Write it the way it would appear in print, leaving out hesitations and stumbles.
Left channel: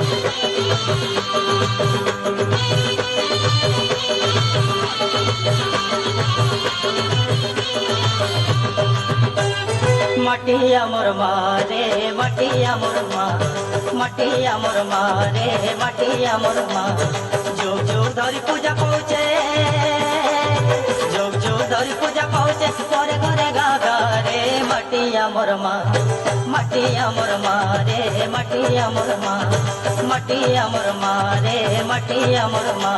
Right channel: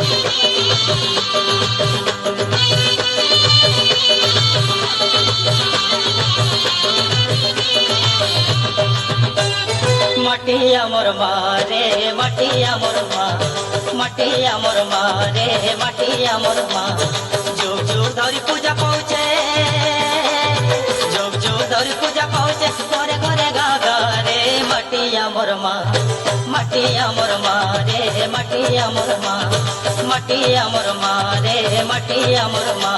মাটি আমার মা রে মাটি আমার মা, মাটি আমার মা রে মাটি আমার মা। যুগ যুগ ধরি পূজা পাউছে, যুগ যুগ ধরি পূজা পাউছে, ঘরে ঘরে গা গা রে। মাটি আমার মা, মাটি আমার মা রে মাটি আমার মা, মাটি আমার মা রে মাটি আমার মা।